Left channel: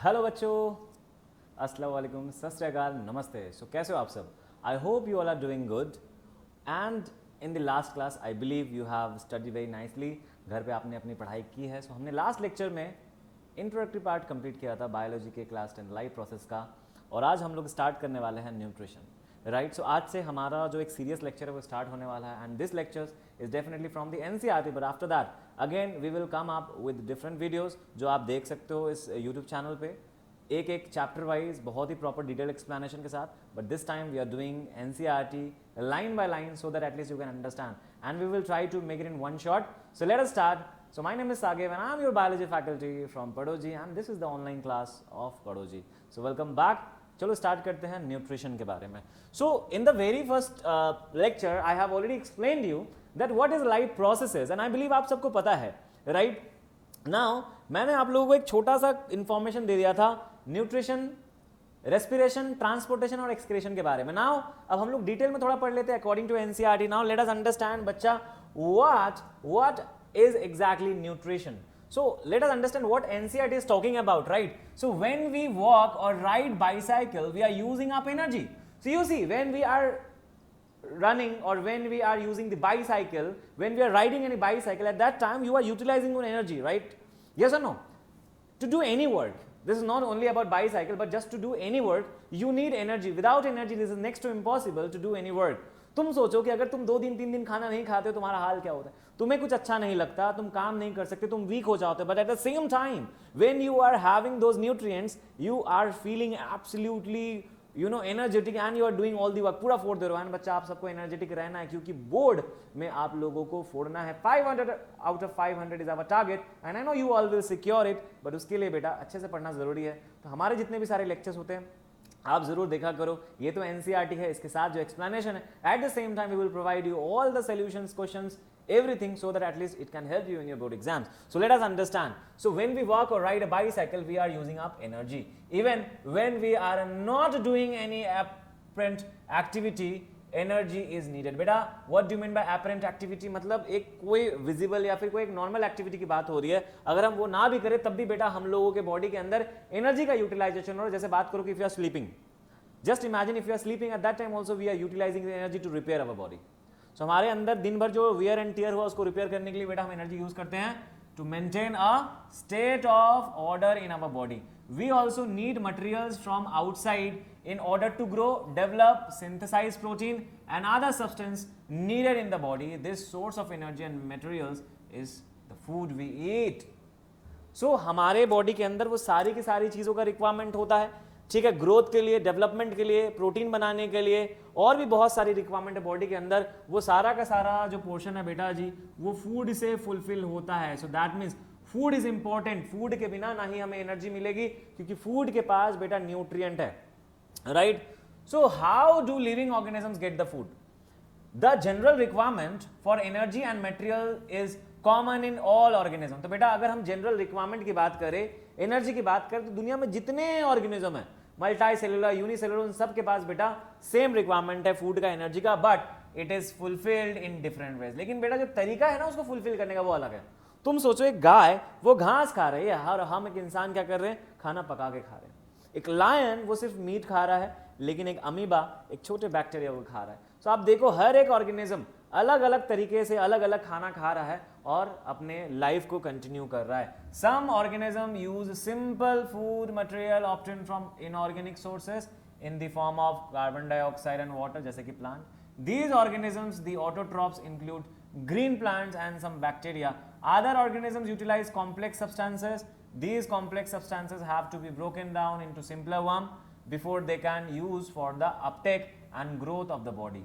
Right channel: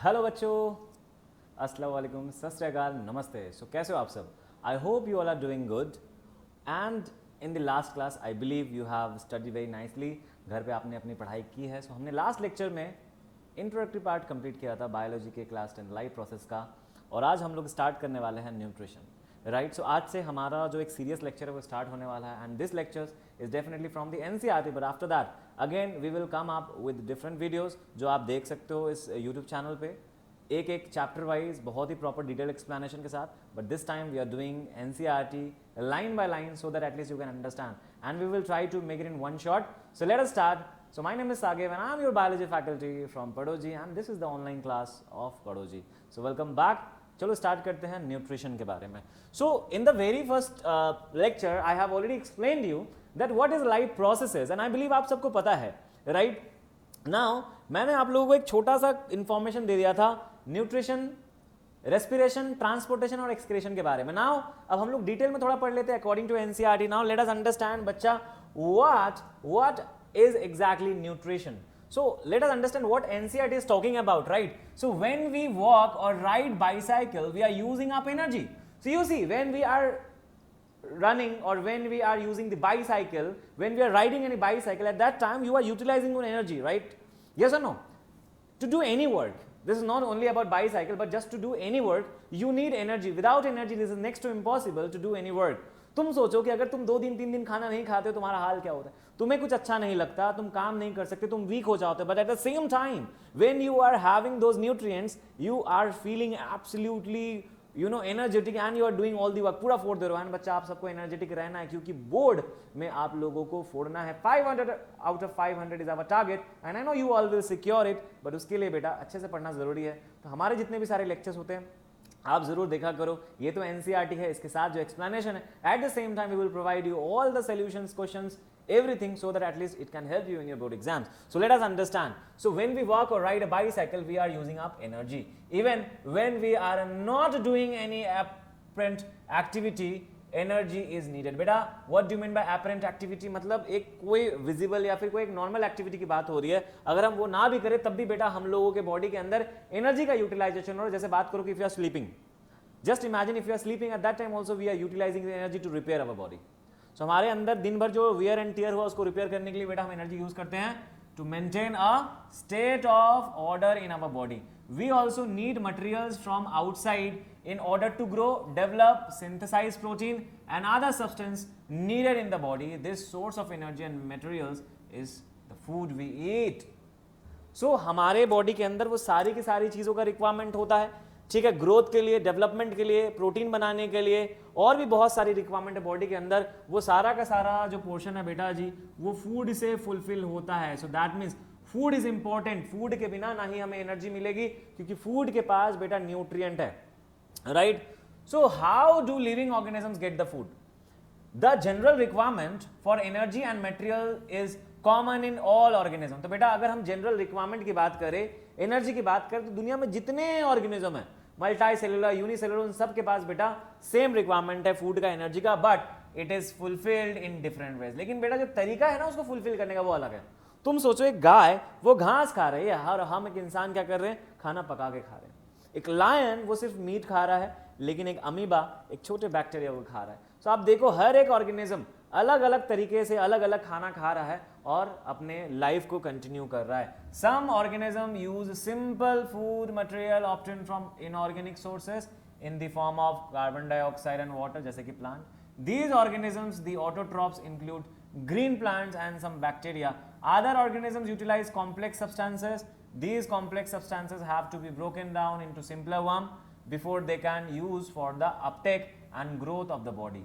Hello बच्चों, अस्सलाम वालेकुम, सत श्री अकाल, नमस्ते। सो कैसे हो आप सब? I hope you all are doing good and in the last class I believe you have study very nicely. घर पे आपने अपनी पढ़ाई की है। सो हमने लास्ट लेक्चर में इंट्रोडक्टरी पार्ट कंप्लीट किया था बायोलॉजी के क्लास 10 लाइफ प्रोसेस का, और आज हम लोग स्टार्ट करने वाले हैं न्यूट्रिशन, राइट। सो आज से हमारा जो एक सीरियस लेक्चर है वो स्टार्ट होने वाला है, and this lectures is definitely from the NCERT, but after that again we will come up with different videos जो आप देख सकते हो इस यूट्यूब चैनल पे, एक एक चैप्टर वाइज बहुत ही प्रॉपर डिटेल एक्सप्लेनेशन के साथ। But this time we are doing NCERT line by line so that at least you can understand, and we will try to make it in one shot. So let us start. So my name is Sagev and I am your biology faculty from Padoji, and this is the online class of Padoji. So welcome back. चलो start करते हैं nutrition के बारे में। So in the very first lecture I have already explained you that what is life processes, and I believe आप सबको पता है, राइट। नाउ मैंने आप लोगों को एक छोटा सा इंफॉर्मेशन दे दिया था न्यूट्रिशन, रेस्पिरेशन, ट्रांसपोर्टेशन और एक्सक्रीशन के बारे में। नाउ अब हम लोग डिटेल में थोड़ा पढ़ लेते हैं according to NCERT. Now let us understand बच्चा what is exactly nutrition. So let us understand what NCERT is talking about, right? So when we walk or ride bicycle, we are using up energy. So you see, when we are running or when we are using the bicycle, when we are riding any bicycle, at that time you are utilizing your energy, right? Yes or no? To do any work, this is not only about bicycle, but just to do any work you need energy. Without energy this is next to impossible to do any work. तुम सोचो कि अगर तुम 2 दिन 3 दिन खाना नहीं खाते तुम्हारा हाल क्या होगा? तुम्हें कुछ अच्छा नहीं लगता, तुम काम नहीं कर सकते, तुम वीक हो जाते। But at the same time when you are having those nutrients you are feeling absolutely energetic and you are doing all the work. पूरा फोड़ दे रहे हो। बच्चा आप सबको एनर्जेटिक रहना है क्योंकि बोर्ड में आप लोगों को फोड़ना है 500 out of 500 is on the target. You always secure it. उसके लिए बेटा अच्छे से पढ़ना जरूरी है। तो हमारे जितने भी सारे लेक्चर्स होते हैं आप जरूर देखा करो। ये तो एनसीईआरटी है, इसके साथ जो एक्सप्लेनेशन है, at the same time we will provide you all the solutions, questions, everything, so that at least it can help you in your board exams. So let us understand. So when we walk or ride a bicycle we are using up energy. Even when we are not doing any apparent activity energy is needed. बेटा what do you mean by apparent activity? मतलब एक कोई visible या फिर कोई एक normal activity की बात हो रही है, अगर हम वो ना भी करें तब भी बेटा हम लोगों के बॉडी के अंदर एनर्जी का यूटिलाइजेशन हो। जैसे बात करो कि if you are sleeping, just imagine if you are sleeping at that time also we are utilizing the energy to repair our body. So हमारे अंदर दिन भर जो wear and tear हुआ उसको रिपेयर करने के लिए बेटा हम एनर्जी यूज करते हैं to maintain a state of order in our body. We also need materials from outside in order to grow, develop, synthesize protein and other substance needed in the body. This source of energy and materials is the food we eat. So हमारे body के अंदर वो सारी की सारी चीज़ों का requirement होता है, ठीक है। ग्रोथ के लिए, डेवलपमेंट के लिए, प्रोटीन बनाने के लिए और भी बहुत सारी रिक्वायरमेंट है बॉडी के अंदर। वो सारा का सारा जो पोर्शन है बेटा जी वो फूड से फुलफिल होता है। So that means food is important. Food के बिना ना ही हमें एनर्जी मिलेगी क्योंकि फूड के पास बेटा न्यूट्रिएंट है, right. So how do living organisms get the food? The general requirement for energy and material is common in all organism. तो बेटा अगर हम जनरल रिक्वायरमेंट की बात करें, एनर्जी की बात करें, तो दुनिया में जितने ऑर्गेनिज्म है, मल्टी सेलुलर, यूनिसेलुलर, उन सब के पास बेटा सेम रिक्वायरमेंट है फूड का, एनर्जी का, but it is fulfilled in different ways. लेकिन बेटा जो तरीका है ना उसको फुलफिल करने का वो अलग है। तुम सोचो एक गाय वो घास खा रही है और हम एक इंसान क्या कर रहे हैं? खाना पका के खा रहे हैं। एक लायन वो सिर्फ मीट खा रहा है, लेकिन एक अमीबा एक छोटे बैक्टीरिया को खा रहा है। तो आप देखो हर एक ऑर्गेनिज्म अलग अलग तरीके से अलग अलग खाना खा रहा है और अपने लाइफ को कंटिन्यू कर रहा है। Some organism use simple food material obtain from inorganic sources in the form of carbon dioxide and water, जैसे कि plant. These organisms the autotrophs include green plants and some bacteria. Other organisms utilize complex substances. These complex substances have to be broken down into simpler one before they can use for the uptake and growth of the body.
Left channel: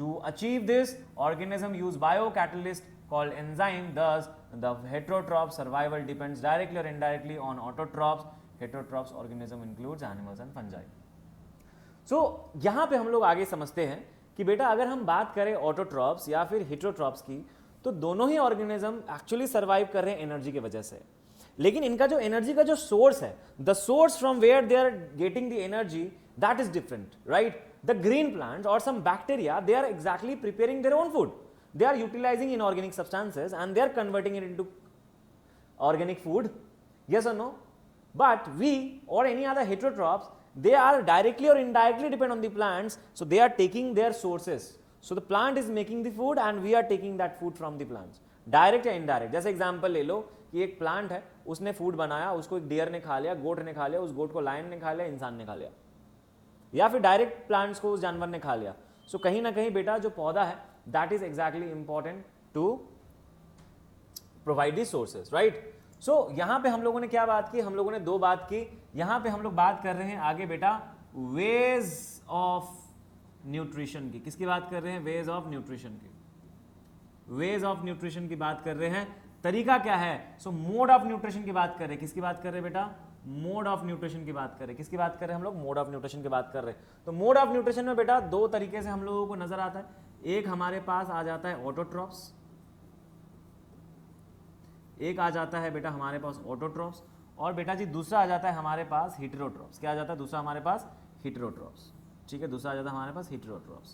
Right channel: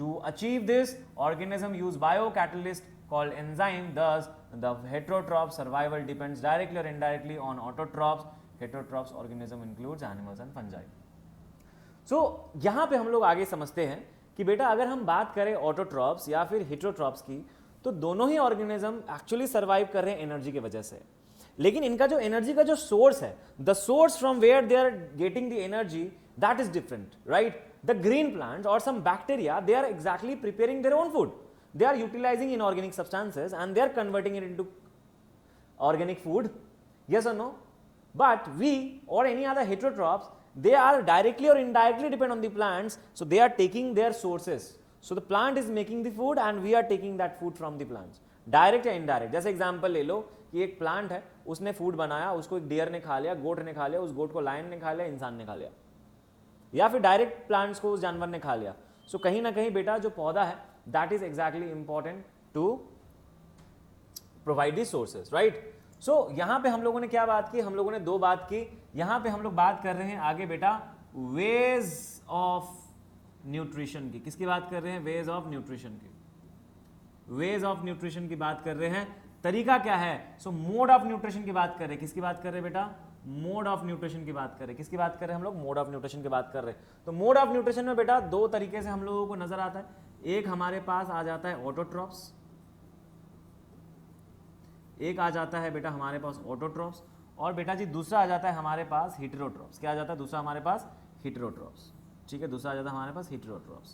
To achieve this, organisms use biocatalyst called enzyme. Thus, the heterotroph survival depends directly or indirectly on autotrophs. Heterotrophs organism includes animals and fungi. So, यहाँ पे हम लोग आगे समझते हैं कि बेटा अगर हम बात करें ऑटोट्रॉप्स या फिर हेटेरोट्रॉप्स की, तो दोनों ही ऑर्गेनिज्म एक्चुअली सर्वाइव कर रहे हैं एनर्जी की वजह से। लेकिन इनका जो एनर्जी का जो सोर्स है, the source from where they are getting the energy, that is different, right. The green plants और some bacteria they are exactly preparing their own food. They are utilizing inorganic substances and they are converting it into organic food. Yes or no? But we or any other heterotrophs, they are directly or indirectly depend on the plants, so they are taking their sources. So the plant is making the food and we are taking that food from the plants. Direct या indirect. जैसे example ले लो कि एक plant है, उसने food बनाया, उसको एक डियर ने खा लिया, गोट ने खा लिया, उस गोट को लायन ने खा लिया, इंसान ने खा लिया, या फिर डायरेक्ट प्लांट्स को उस जानवर ने खा लिया. सो कहीं ना कहीं बेटा जो पौधा है, that is exactly important to provide the sources, right. So यहाँ पे हम लोगों ने क्या बात की, हम लोगों ने दो बात की. यहाँ पे हम लोग बात कर रहे हैं आगे बेटा वेज ऑफ न्यूट्रिशन की. किसकी बात कर रहे हैं? वेज ऑफ न्यूट्रिशन की. वेज ऑफ न्यूट्रिशन की बात कर रहे हैं. तरीका क्या है? सो मोड ऑफ न्यूट्रिशन की बात कर रहे हैं. किसकी बात कर रहे हैं बेटा? मोड ऑफ न्यूट्रिशन की बात कर रहे हैं. किसकी बात कर रहे हैं हम लोग? मोड ऑफ न्यूट्रिशन की बात कर रहे हैं. तो मोड ऑफ न्यूट्रिशन में बेटा दो तरीके से हम लोगों को नजर आता है. एक हमारे पास आ जाता है ऑटोट्रॉप्स, एक आ जाता है बेटा हमारे पास ऑटोट्रॉप्स, और बेटा जी दूसरा आ जाता है हमारे पास हेटेरोट्रॉप्स. क्या आ जाता है दूसरा हमारे पास? हेटेरोट्रॉप्स. ठीक है, दूसरा आ जाता है हमारे पास हेटेरोट्रॉप्स.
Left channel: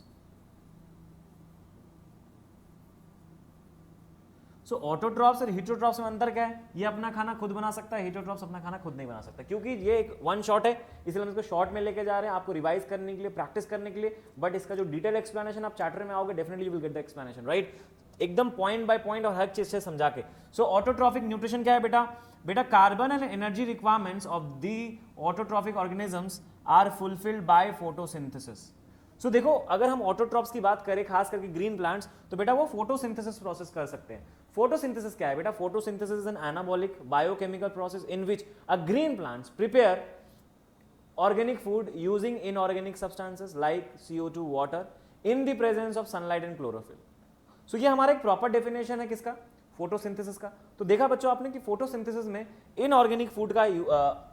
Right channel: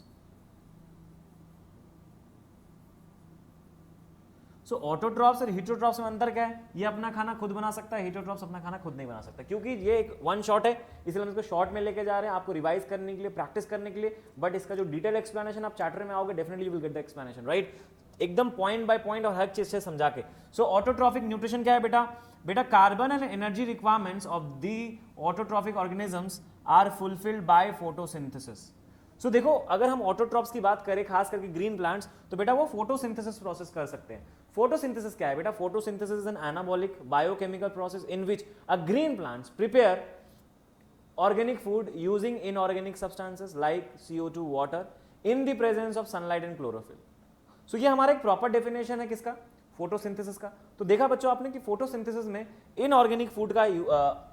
सो ऑटोट्रॉप्स और हेटेरोट्रॉप्स में अंतर क्या है? ये अपना खाना खुद बना सकता है, हेटेरोट्रॉप्स अपना खाना खुद नहीं बना सकता, क्योंकि ये एक वन शॉट है. इस हम इसको शॉर्ट में लेके जा रहे हैं आपको रिवाइज करने के लिए, प्रैक्टिस करने के लिए. बट इसका जो डिटेल एक्सप्लेनेशन हम चैप्टर में आओगे definitely you will get the explanation, right. एकदम पॉइंट बाय पॉइंट एक चीज से समझा के. सो ऑटोट्रॉफिक न्यूट्रिशन क्या है बेटा? बेटा carbon and energy requirements of the autotrophic organisms are fulfilled by photosynthesis. So देखो अगर हम ऑटोट्रॉप्स की बात करें खास करके ग्रीन प्लांट्स, तो बेटा वो फोटोसिंथेसिस प्रोसेस कह सकते हैं. फोटोसिंथेसिस क्या है बेटा? Photosynthesis is an anabolic biochemical process in which a green plants prepare organic food using inorganic substances like CO2 water in the presence of sunlight and chlorophyll. So ये हमारा एक proper definition है किसका? Photosynthesis का. तो देखा बच्चों आपने कि फोटोसिंथेसिस में इनऑर्गेनिक फूड का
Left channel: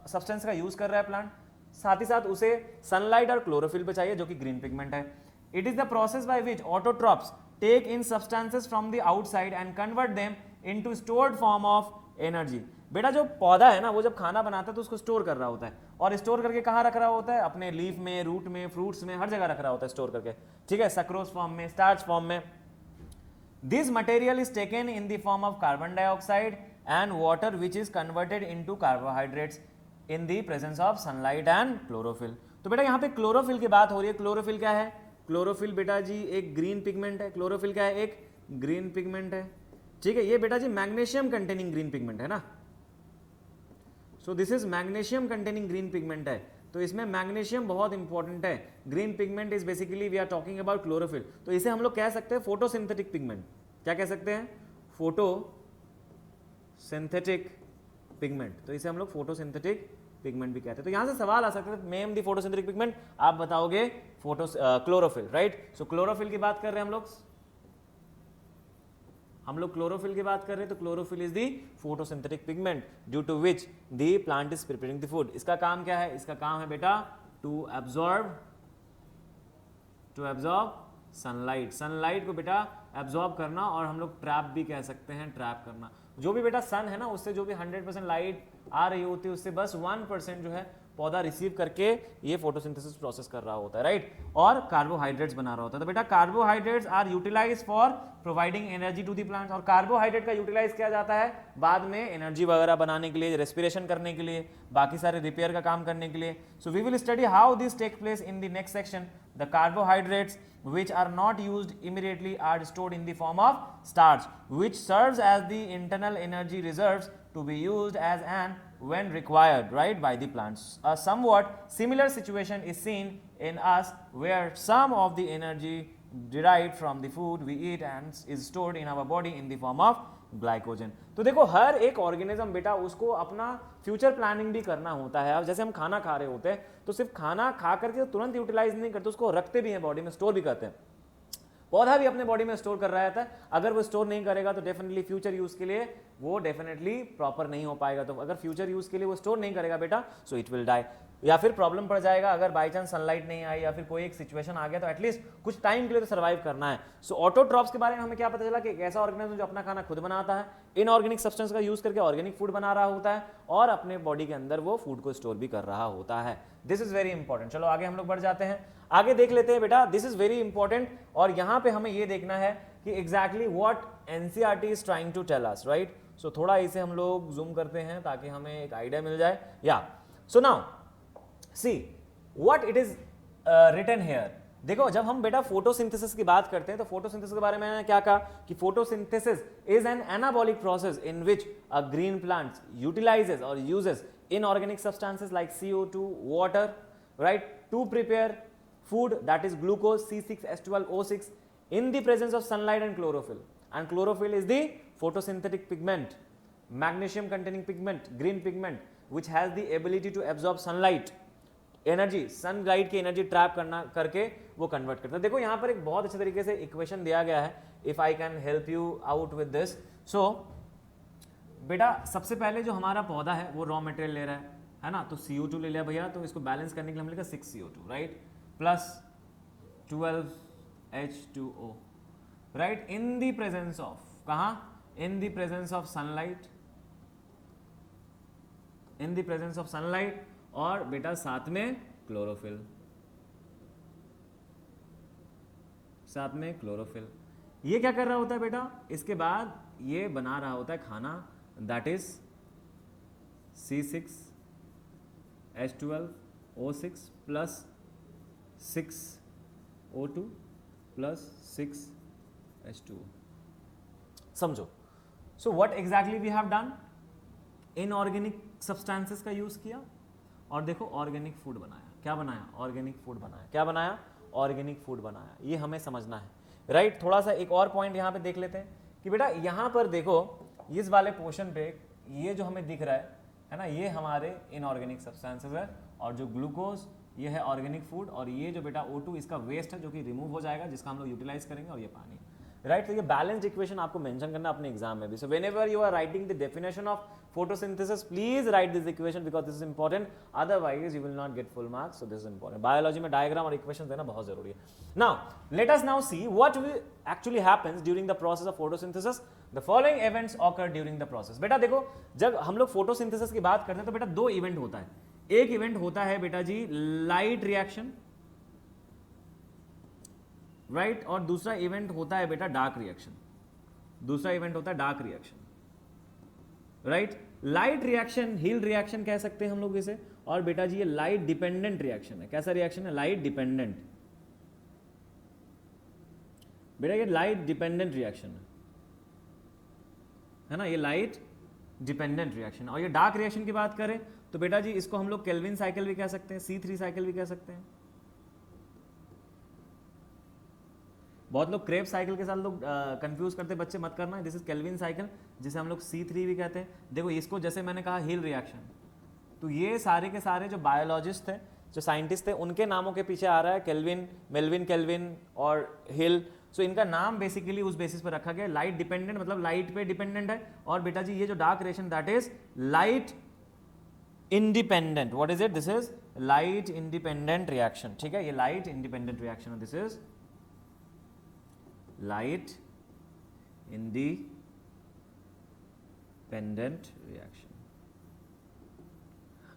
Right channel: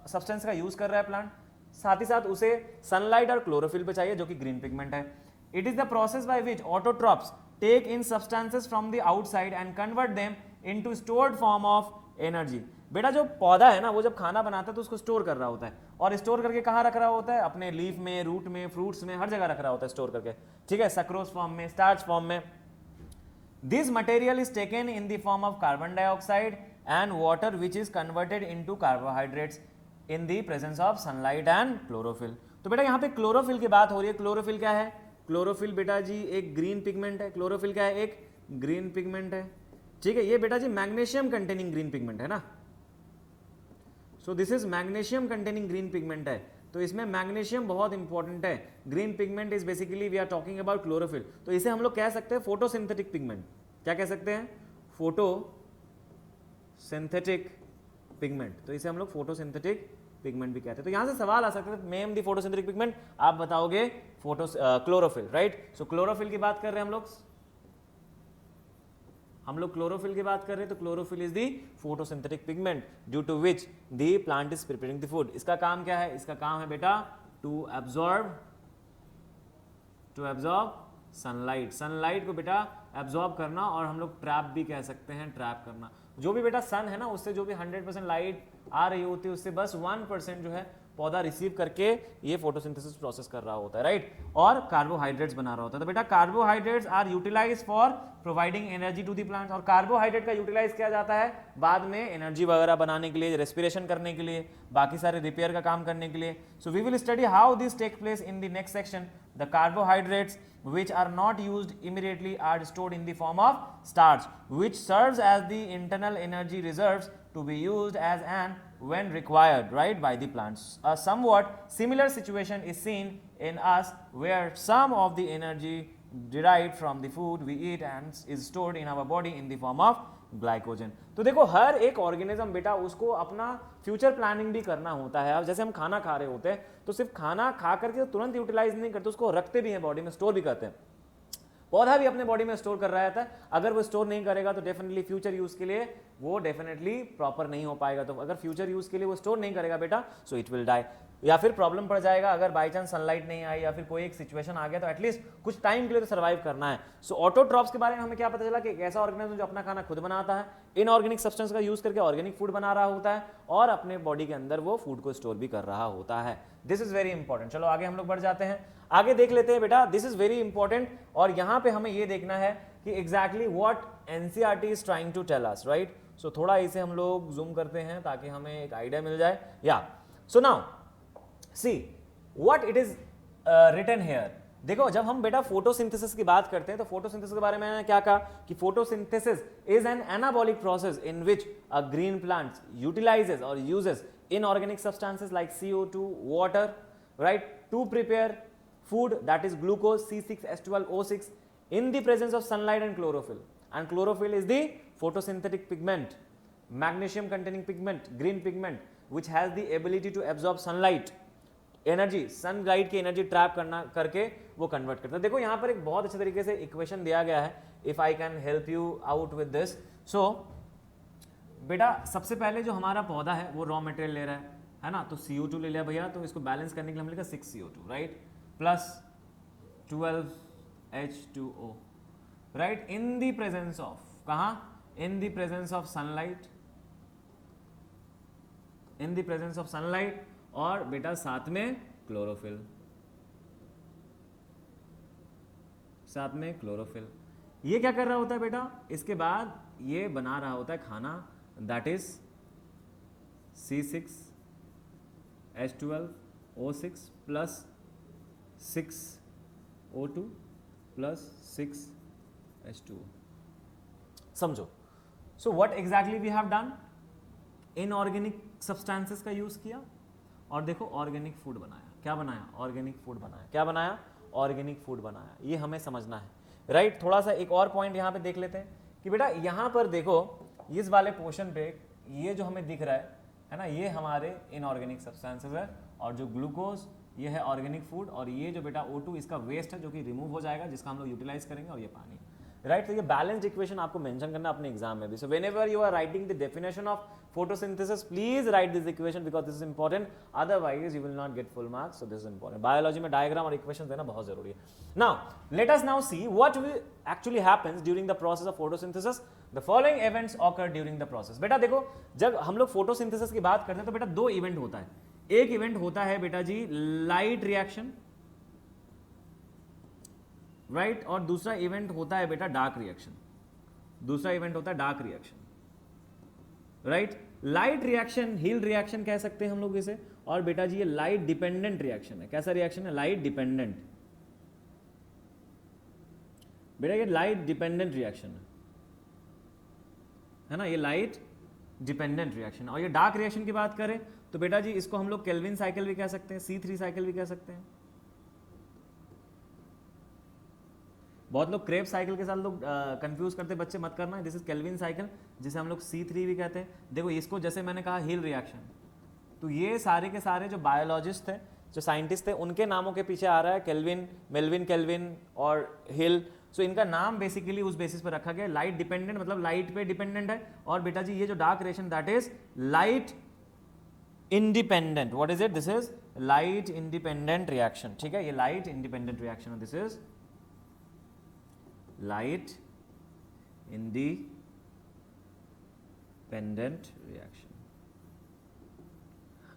सब्सटेंस का यूज कर रहा है प्लांट, साथ ही साथ उसे सनलाइट और क्लोरोफिल पे चाहिए जो कि ग्रीन पिगमेंट है. It is the process by which autotrophs take in substances from the outside and convert them into stored form of energy. बेटा जो पौधा है ना वो जब खाना बनाता है तो उसको स्टोर कर रहा होता है, और स्टोर करके कहाँ रख रहा होता है? अपने लीफ में, रूट में, फ्रूट्स में, हर जगह रख रहा होता है स्टोर करके. ठीक है, सक्रोज फॉर्म में, स्टार्च फॉर्म में. This material is taken in the form of carbon dioxide and water which is converted into carbohydrates in the presence of sunlight and chlorophyll. तो बेटा यहाँ पे क्लोरोफिल की बात हो रही है. क्लोरोफिल क्या है? क्लोरोफिल बेटा जी एक ग्रीन पिगमेंट है. क्लोरोफिल क्या है? एक ग्रीन पिगमेंट है. ठीक है, ये बेटा जी मैग्नीशियम कंटेनिंग ग्रीन पिगमेंट है ना. So this is magnesium containing green pigment है. तो इसमें मैग्नीशियम बहुत इंपॉर्टेंट है. Green pigment is basically we are talking about chlorophyll. तो इसे हम लोग कह सकते हैं फोटोसिंथेटिक पिगमेंट. क्या कह सकते हैं? Photosynthetic pigment. तो इसे हम लोग फोटोसिंथेटिक पिगमेंट भी कहते हैं. तो यहां से सवाल आ सकता है नेम दी फोटोसिंथेटिक पिगमेंट, आप बताओगे क्लोरोफिल, राइट. सो क्लोरोफिल की बात कर रहे हैं हम लोग क्लोरोफिल की बात कर रहे हैं. तो chlorophyll is the photosynthetic pigment due to which the plant is preparing the food. इसका काम क्या है? इसका काम है बेटा टू एब्जॉर्ब सनलाइट. सनलाइट को बेटा एब्जॉर्ब करना, और हम लोग ट्रैप भी कह सकते हैं, ट्रैप करना. जो भी बेटा सन है ना उससे जो भी 100% लाइट आ रही होती है उससे बस 1% जो है पौधा रिसीव करके ये फोटोसिंथेसिस प्रोसेस कर रहा होता है, राइट. और कार्बोहाइड्रेट्स बना रहा होता है. तो बेटा carbohydrates are utilised for providing energy to the plant. और कार्बोहाइड्रेट का यूटिलाइज किया जाता है बाद में एनर्जी वगैरह बनाने के लिए, रेस्पिरेशन करने के लिए, बाकी सारे रिपेयर का काम करने के लिए. So we will study how this take place in the next section. The carbohydrates which are not used immediately are stored in the form of starch, which serves as the internal energy reserves to be used as and when required, right, by the plants. A somewhat similar situation is seen in us where some of the energy derived from the food we eat and is stored in our body in the form of glycogen. तो देखो हर एक organism बेटा उसको अपना future planning भी करना होता है. अब जैसे हम खाना खा रहे होते हैं तो सिर्फ खाना खा करके तुरंत यूटिलाइज नहीं करते, उसको रखते भी हैं बॉडी में, स्टोर भी करते हैं. पौधा भी अपने बॉडी में स्टोर कर रहा था. अगर वो स्टोर नहीं करेगा तो डेफिनेटली फ्यूचर यूज के लिए वो डेफिनेटली प्रॉपर नहीं हो पाएगा. तो अगर फ्यूचर यूज के लिए वो स्टोर नहीं करेगा बेटा सो इट विल डाई, या फिर प्रॉब्लम पड़ जाएगा. अगर बाई चांस सनलाइट नहीं आई या फिर कोई एक सिचुएशन आ गया तो एटलीस्ट कुछ टाइम के लिए तो सर्वाइव करना है. सो ऑटोट्रॉप्स के बारे में हमें क्या पता चला कि एक ऐसा ऑर्गेनिज्म जो अपना खाना खुद बनाता है, इनऑर्गेनिक सब्सटेंस का यूज करके ऑर्गेनिक फूड बना रहा होता है और अपने बॉडी के अंदर वो फूड को स्टोर भी कर रहा होता है. This is very important. चलो आगे हम लोग बढ़ जाते हैं, आगे देख लेते हैं बेटा. दिस इज वेरी इंपॉर्टेंट, और यहां पे हमें ये देखना है कि exactly what NCERT is trying to tell us, right. So थोड़ा इसे हम लोग जूम करते हैं ताकि हमें एक आइडिया मिल जाए. या so now see what it is written here. देखो जब हम बेटा फोटोसिंथेसिस की बात करते हैं तो फोटोसिंथेसिस के बारे में मैंने क्या कहा कि photosynthesis is an anabolic process in which a green plant utilises और uses inorganic substances like CO2, water, right, to prepare food, that is glucose, C6H12O6, in the presence of sunlight and chlorophyll. And chlorophyll is the photosynthetic pigment, magnesium containing pigment, green pigment, which has the ability to absorb sunlight, energy, sunlight की energy trap करना करके वो convert करता है. देखो यहाँ पर एक बहुत अच्छे तरीके से equation दिया गया है. If I can help you out with this, so बेटा सबसे पहले जो हमारा पौधा है वो रॉ मटेरियल ले रहा है ना, तो CO2 ले लिया भैया, तो इसको बैलेंस करने के लिए हम लिखा 6 CO2, right, plus 12 H2O, right, in the presence of, कहाँ, in the presence of sunlight, in the presence of sunlight, और बेटा साथ में क्लोरोफिल, साथ में क्लोरोफिल. ये क्या कर रहा होता है बेटा, इसके बाद ये बना रहा होता है खाना, that is C6H12O6 plus 6O2 plus 6H2. समझो. So what exactly we have done? Inorganic substances का यूज किया और देखो ऑर्गेनिक फूड बनाया. क्या बनाया? ऑर्गेनिक फूड बनाया. क्या बनाया? ऑर्गेनिक फूड बनाया. ये हमें समझना है, राइट. थोड़ा सा एक और पॉइंट यहाँ पे देख लेते हैं कि बेटा यहाँ पर देखो इस वाले पोर्शन पे ये जो हमें दिख रहा है ना, ये हमारे इनऑर्गेनिक सब्सटेंसेस है, और जो ग्लूकोज ये है ऑर्गेनिक फूड, और ये जो बेटा O2 इसका वेस्ट है जो कि रिमूव हो जाएगा, जिसका हम लोग यूटिलाइज करेंगे, और ये पानी, राइट. तो ये बैलेंस्ड इक्वेशन आपको मेंशन करना अपने एग्जाम में भी. So whenever you are writing the definition of photosynthesis, please write this equation because this is important, otherwise you will not get full marks. So this is important. Biology में diagram और equations देना बहुत जरूरी है. Now let us now see what will actually happens during the process of photosynthesis. The following events occur during the process. बेटा देखो जब हम लोग photosynthesis की बात करते हैं तो बेटा दो इवेंट होता है. एक इवेंट होता है बेटा जी लाइट रिएक्शन, राइट, और दूसरा इवेंट होता है बेटा डार्क रिएक्शन. दूसरा इवेंट होता है dark reaction, right. Light reaction Hill reaction कह सकते हैं हम लोग इसे, और बेटा जी ये लाइट डिपेंडेंट रिएक्शन है. कैसा रिएक्शन है? Light dependent. बेटा ये लाइट डिपेंडेंट रिएक्शन है ना, ये लाइट डिपेंडेंट रिएक्शन. और ये डार्क रिएक्शन की बात करें तो बेटा जी इसको हम लोग केल्विन साइकिल भी कह सकते हैं, C3 साइकिल भी कह सकते हैं. बहुत लोग क्रेब साइकिल के साथ लोग कंफ्यूज करते हैं, बच्चे मत करना. दिस इज केल्विन साइकिल, जिसे हम लोग C3 भी कहते हैं. देखो इसको जैसे मैंने कहा हिल रिएक्शन, तो ये सारे के सारे जो बायोलॉजिस्ट थे, जो साइंटिस्ट थे, उनके नामों के पीछे आ रहा है केल्विन, मेल्विन केल्विन और हिल. सो इनका नाम बेसिकली उस बेसिस पर रखा गया. लाइट डिपेंडेंट मतलब लाइट पे डिपेंडेंट है, और बेटा जी ये जो dark reaction that is light independent. What is it? This is light independent reaction. ठीक है, ये लाइट इंडिपेंडेंट रिएक्शन है. This is light independent reaction.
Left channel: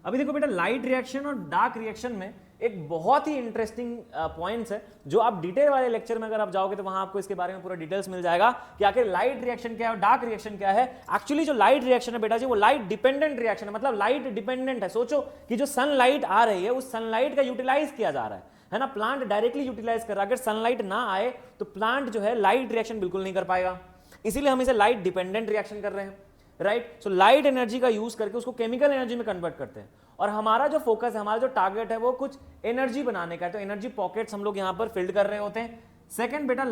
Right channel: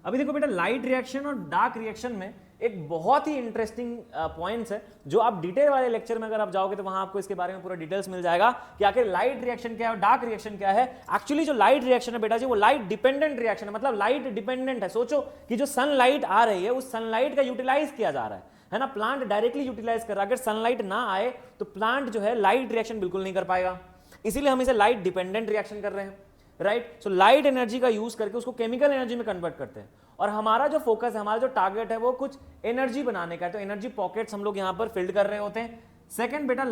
अभी देखो बेटा लाइट रिएक्शन और डार्क रिएक्शन में एक बहुत ही इंटरेस्टिंग पॉइंट्स है, जो आप डिटेल वाले लेक्चर में अगर आप जाओगे तो वहां आपको इसके बारे में पूरा डिटेल्स मिल जाएगा कि आखिर लाइट रिएक्शन क्या है और डार्क रिएक्शन क्या है. एक्चुअली जो लाइट रिएक्शन है बेटा जी वो लाइट डिपेंडेंट रिएक्शन है, मतलब लाइट डिपेंडेंट है. सोचो कि जो सनलाइट आ रही है उस सनलाइट का यूटिलाइज किया जा रहा है ना. प्लांट डायरेक्टली यूटिलाइज कर रहा है. अगर सनलाइट ना आए तो प्लांट जो है लाइट रिएक्शन बिल्कुल नहीं कर पाएगा, इसीलिए हम इसे लाइट डिपेंडेंट रिएक्शन कर रहे हैं, राइट. सो लाइट एनर्जी का यूज करके उसको केमिकल एनर्जी में कन्वर्ट करते हैं, और हमारा जो फोकस है, हमारा जो टारगेट है वो कुछ एनर्जी बनाने का है. तो एनर्जी पॉकेट्स हम लोग यहां पर फिल्ड कर रहे होते हैं. सेकंड बेटा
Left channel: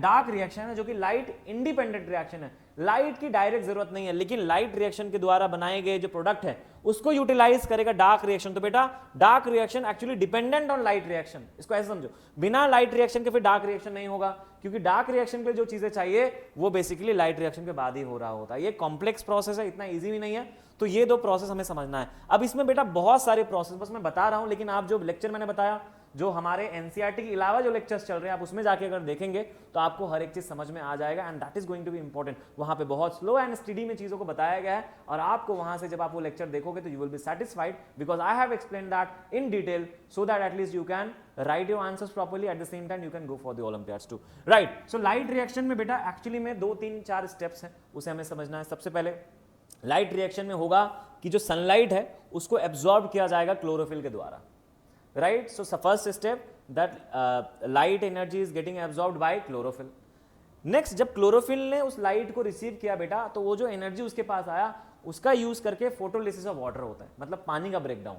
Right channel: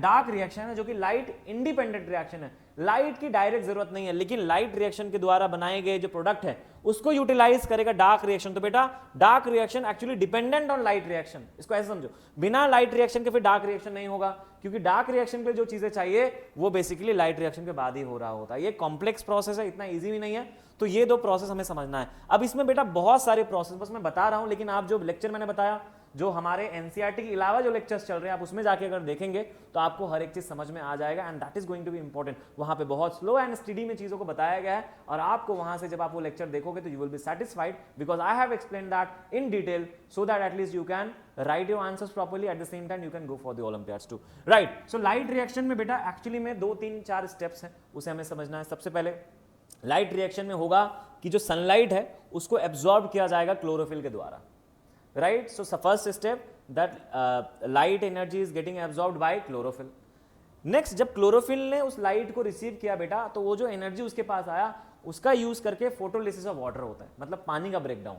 डार्क रिएक्शन है जो कि लाइट इंडिपेंडेंट रिएक्शन है. लाइट की डायरेक्ट जरूरत नहीं है, लेकिन लाइट रिएक्शन के द्वारा बनाए गए जो प्रोडक्ट है उसको यूटिलाइज करेगा डार्क रिएक्शन. तो बेटा dark reaction actually dependent on light reaction. इसको ऐसे समझो, बिना लाइट रिएक्शन के फिर डार्क रिएक्शन नहीं होगा, क्योंकि डार्क रिएक्शन पे जो चीजें चाहिए वो बेसिकली लाइट रिएक्शन के बाद ही हो रहा होता है. ये कॉम्प्लेक्स प्रोसेस है, इतना ईजी भी नहीं है. तो ये दो प्रोसेस हमें समझना है. अब इसमें बेटा बहुत सारे प्रोसेस बस मैं बता रहा हूं, लेकिन आप जो लेक्चर मैंने बताया, जो हमारे एनसीईआरटी के अलावा जो लेक्चर्स चल रहे हैं, आप उसमें जाके अगर देखेंगे तो आपको हर एक चीज समझ में आ जाएगा, and that is going to be important. वहां पे बहुत स्लो एंड स्टडी में चीजों को बताया गया है, और आपको वहां से जब आप वो लेक्चर देखोगे तो you will be satisfied because I have explain that in detail, so that at least you can write your answers properly, at the same time you can go for the olympiads too, right. So light reaction में बेटा actually में 2 3 4 steps हैं, उसे हमें समझना है. सबसे पहले लाइट रिएक्शन में होगा कि जो सनलाइट है उसको एब्जॉर्ब किया जाएगा क्लोरोफिल के द्वारा, right. So first step that light energy is getting absorbed bye chlorophyll. Next, जब क्लोरोफिल ने उस लाइट को रिसीव किया बेटा, तो वो जो एनर्जी उसके पास आया उसका यूज करके फोटोलिसिस ऑफ वाटर होता है, मतलब पानी का ब्रेकडाउन.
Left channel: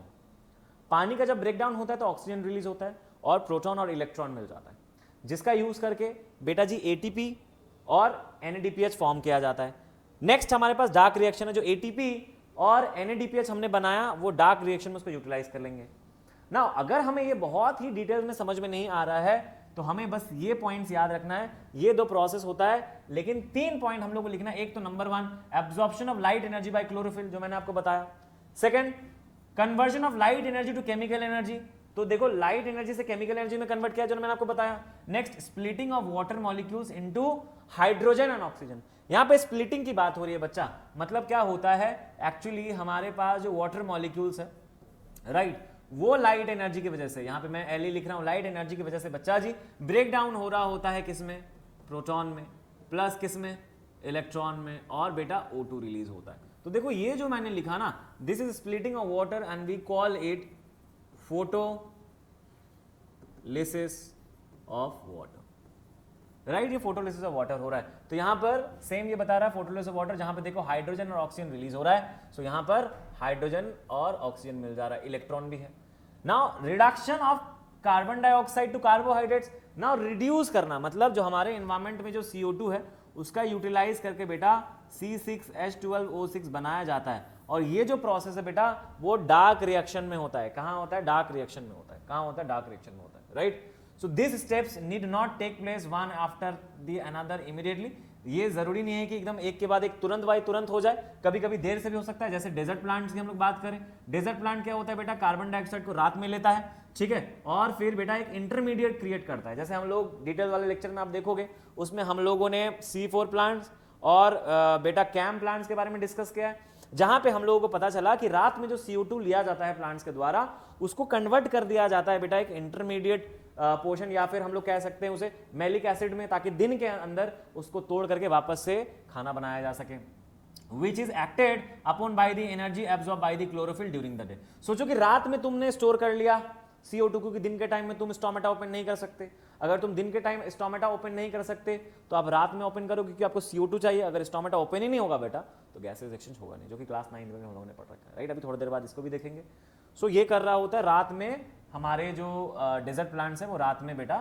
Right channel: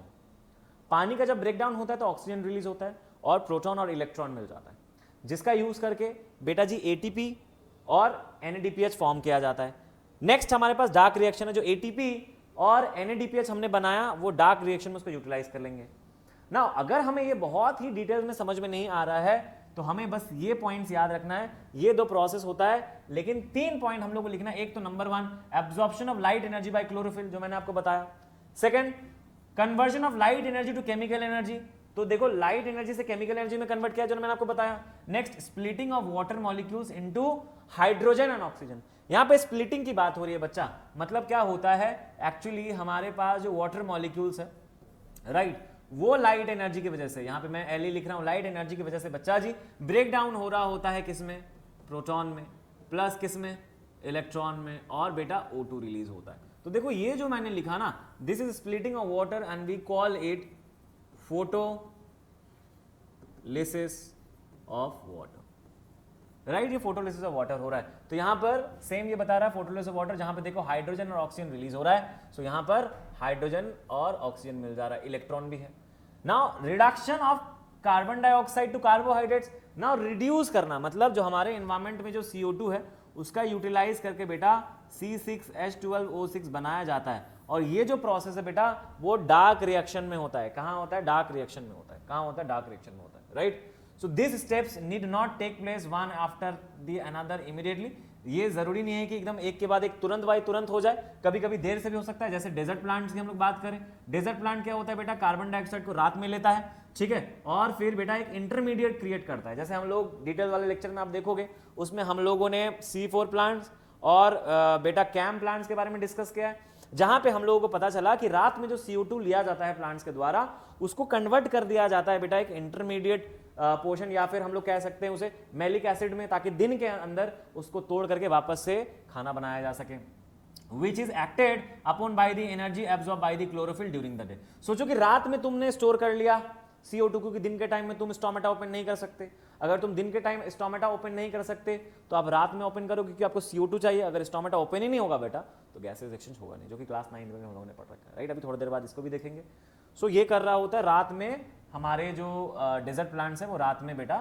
पानी का जब ब्रेकडाउन होता है तो ऑक्सीजन रिलीज होता है और प्रोटॉन और इलेक्ट्रॉन मिल जाता है, जिसका यूज करके बेटा जी एटीपी और NADPH फॉर्म किया जाता है. नेक्स्ट हमारे पास डार्क रिएक्शन है, जो एटीपी और NADPH हमने बनाया वो डार्क रिएक्शन में उसको यूटिलाइज कर लेंगे. ना अगर हमें ये बहुत ही डिटेल में समझ में नहीं आ रहा है तो हमें बस ये पॉइंट्स याद रखना है. ये 2 प्रोसेस होता है, लेकिन 3 पॉइंट हम लोग को लिखना है. एक तो number 1 absorption of light energy by chlorophyll, जो मैंने आपको बताया. Second, conversion of light energy to chemical energy, तो देखो लाइट एनर्जी से केमिकल एनर्जी में कन्वर्ट किया जो मैंने आपको बताया. Next, splitting of water molecules into hydrogen and oxygen. यहां पे स्प्लिटिंग की बात हो रही है बच्चा, मतलब क्या होता है, एक्चुअली हमारे पास जो वाटर मॉलिक्यूल्स है, राइट, वो लाइट एनर्जी की वजह से, यहां पे मैं Li लिख रहा हूं, लाइट एनर्जी की वजह से बच्चा जी ब्रेक डाउन हो रहा होता है किसमें, प्रोटॉन में, प्लस किसमें, इलेक्ट्रॉन में, और बेटा O2 रिलीज होता है. तो देखो ये जो मैंने लिखा ना, this is splitting of water and we call it photolysis of water, right. ये फोटोलिसिस ऑफ वाटर हो रहा है. तो यहां पर सेम ये बता रहा है फोटोलिसिस ऑफ वाटर, जहां पे देखो हाइड्रोजन और ऑक्सीजन रिलीज हो रहा है. सो यहां पर हाइड्रोजन और ऑक्सीजन मिल जा रहा है, इलेक्ट्रॉन भी है. Now reduction of carbon dioxide to carbohydrates. Now reduce करना, मतलब जो हमारे एनवायरमेंट में जो CO2 है उसका यूटिलाइज करके बेटा C6H12O6 बनाया जाता है. और ये जो प्रोसेस है बेटा वो डार्क रिएक्शन में होता है. कहां होता है, डार्क रिएक्शन में होता है. कहां होता है, डार्क रिएक्शन में होता है, right. So this steps need not take place one after the another immediately. ये जरूरी नहीं है कि एकदम एक के बाद एक तुरंत बाय तुरंत हो जाए, कभी कभी देर से भी हो सकता है. जैसे डेजर्ट प्लांट्स की हम लोग बात करें, डेजर्ट प्लांट क्या होता है बेटा, कार्बन डाइऑक्साइड को रात में लेता है, ठीक है, और फिर बेटा एक इंटरमीडिएट क्रिएट करता है. जैसे हम लोग डिटेल वाले लेक्चर में आप देखोगे, उसमें हम लोगों ने C4 प्लांट्स और बेटा कैम प्लांट्स के बारे में डिस्कस किया है, जहां पे हम लोगों को पता चला कि रात में जो CO2 लिया जाता है प्लांट्स के द्वारा, उसको कन्वर्ट कर दिया जाता है बेटा एक इंटरमीडिएट पोर्शन, या फिर हम लोग कह सकते हैं उसे मैलिक एसिड में, ताकि दिन के अंदर उसको तोड़ करके वापस से खाना बनाया जा सके. Which is acted upon by the energy absorb by the chlorophyll during the day. सोचो कि रात में तुमने स्टोर कर लिया CO2 को, कि दिन के टाइम में तुम स्टोमेटा ओपन नहीं कर सकते. अगर तुम दिन के टाइम स्टोमेटा ओपन नहीं कर सकते तो आप रात में ओपन करो, क्योंकि आपको CO2 चाहिए. अगर स्टोमेटा ओपन ही नहीं होगा बेटा तो गैसेस एक्सचेंज होगा नहीं, जो कि क्लास 9 में हम लोगों ने पढ़ रखा है, राइट. अभी थोड़ी देर बाद इसको भी देखेंगे. सो ये कर रहा होता है रात में, हमारे जो डेजर्ट प्लांट्स है वो रात में बेटा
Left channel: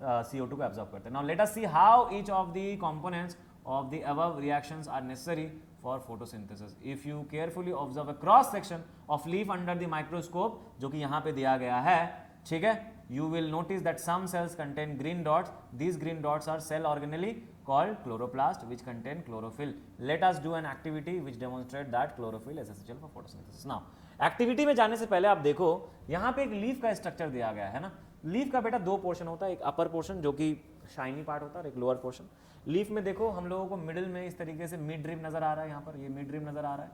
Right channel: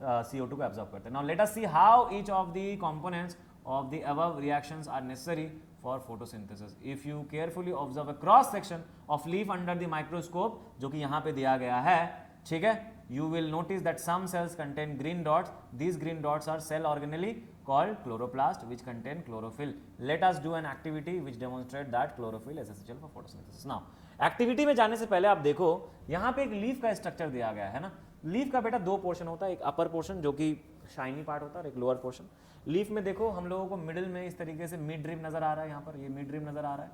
CO2 को एब्जॉर्ब करते हैं. Now let us see how each of the components of the above reactions are necessary for photosynthesis. If you carefully observe a cross section of leaf under the microscope, जो कि यहाँ पे दिया गया है, ठीक है, you will notice that some cells contain green dots. These green dots are cell organelle called chloroplast which contain chlorophyll. Let us do an activity which demonstrate that chlorophyll is essential for photosynthesis. Now activity में जाने से पहले आप देखो यहाँ पे एक leaf का स्ट्रक्चर दिया गया है ना. लीफ का बेटा 2 पोर्शन होता है, एक अपर पोर्शन जो कि शाइनी पार्ट होता है और एक लोअर पोर्शन. लीफ में देखो हम लोगों को मिडिल में इस तरीके से मिड ड्रिप नजर आ रहा है, यहाँ पर ये मिड ड्रिप नजर आ रहा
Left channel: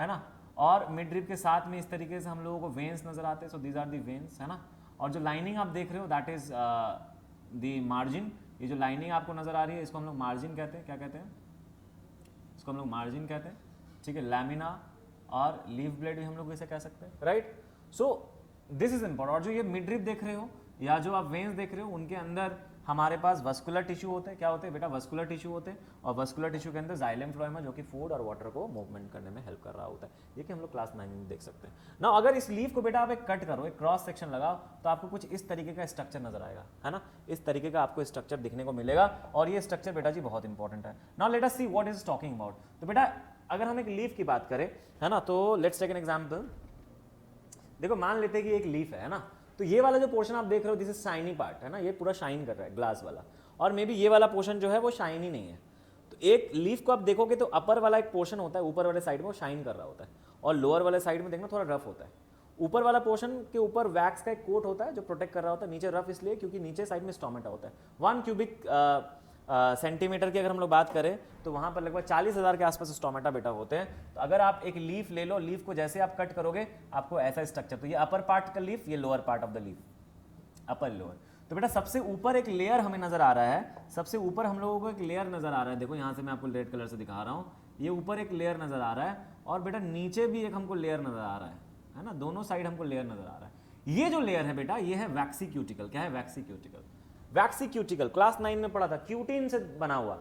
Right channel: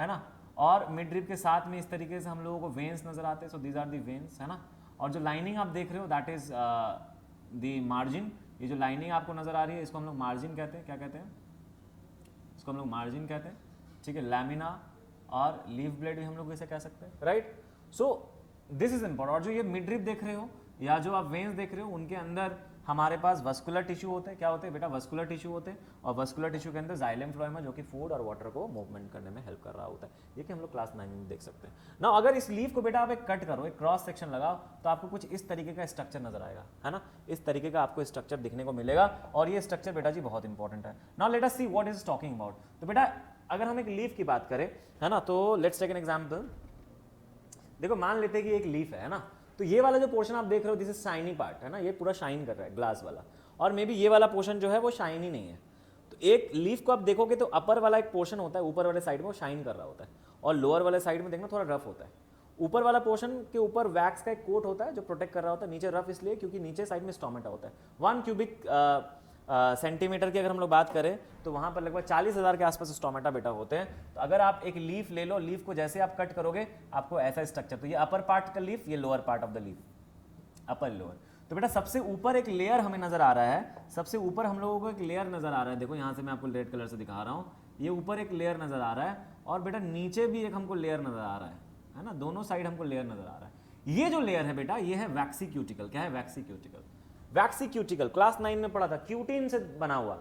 है ना, और मिड ड्रिप के साथ में इस तरीके से हम लोगों को वेन्स नजर आते हैं. So these are the veins, है ना. और जो लाइनिंग आप देख रहे हो दैट इज दी मार्जिन. ये जो लाइनिंग आपको नजर आ रही है इसको हम लोग मार्जिन कहते हैं. क्या कहते हैं इसको हम लोग, मार्जिन कहते हैं, ठीक है. लैमिना और लीफ ब्लेड भी हम लोग इसे कह सकते हैं, right. So this is important. और जो ये मिड ड्रिप देख रहे हो या जो आप वेन्स देख रहे हो, उनके अंदर हमारे पास वस्कुलर टिश्यू होते हैं. क्या होते हैं बेटा, वस्कुलर टिश्यू होते हैं. और वस्कुलर टिश्यू के अंदर जाइलम फ्लोएम है, जो कि फूड और वाटर को मूवमेंट करने में हेल्प कर रहा होता है. ये कि हम लोग क्लास 9 में देख सकते हैं ना. अगर इस लीफ को बेटा आप एक कट करो, एक क्रॉस सेक्शन लगाओ, तो आपको कुछ इस तरीके का स्ट्रक्चर नजर आएगा, है ना. इस तरीके का आपको स्ट्रक्चर दिखने को मिलेगा, और ये स्ट्रक्चर बेटा जी बहुत इंपॉर्टेंट है. Now let us see what is talking about. तो बेटा अगर हम एक लीफ की बात करें, है ना, तो लेट्स टेक एन एग्जांपल. देखो मान लेते हैं कि एक लीफ है ना, तो ये वाला जो पोर्शन आप देख रहे हो दिस इज शाइनी पार्ट, है ना, ये पूरा शाइन कर रहा है ग्लास वाला, और मे बी ये वाला पोर्शन जो है वो शाइनी नहीं है. तो एक लीफ को आप देखोगे तो अपर वाला एक पोर्शन होता है, ऊपर वाले साइड में वो शाइन कर रहा होता है, और लोअर वाले साइड में देखना थोड़ा रफ होता है. ऊपर वाला पोर्शन के ऊपर वैक्स का एक कोट होता है जो प्रोटेक्ट कर रहा होता है, नीचे रफ इसलिए क्योंकि नीचे साइड में स्टोमेटा होता है. 1 क्यूबिक सेंटीमीटर की अगर हम लोग बात करें तो वहां पर लगभग 40,000 के आसपास स्टोमेटा बेटा होते हैं. तो अगर आप एक लीफ ले लो, लीफ को जैसे आप कट करोगे आपको ऐसा स्ट्रक्चर, तो ये अपर पार्ट का लीफ, ये lower part of the leaf, upper lower. तो बेटा सबसे ऊपर एक लेयर हमें नजर आ रहा है, सबसे ऊपर हम लोगों को एक लेयर नजर आ रहा है, देखो यहाँ से मैं आपको रेड कलर से दिखा रहा हूँ, ये ऊपर एक लेयर नजर आ रहा है और बेटा नीचे भी एक हमको लेयर नजर आ रहा है ना, दोनों साइड हमको लेयर नजर आ रहा है। ये जो लेयर है बेटा ये है वैक्सी क्यूटिकल। क्या है? वैक्सी क्यूटिकल। वैक्सी क्यूटिकल क्लास 9 में पढ़ा था, क्यूटिन से बना हुआ।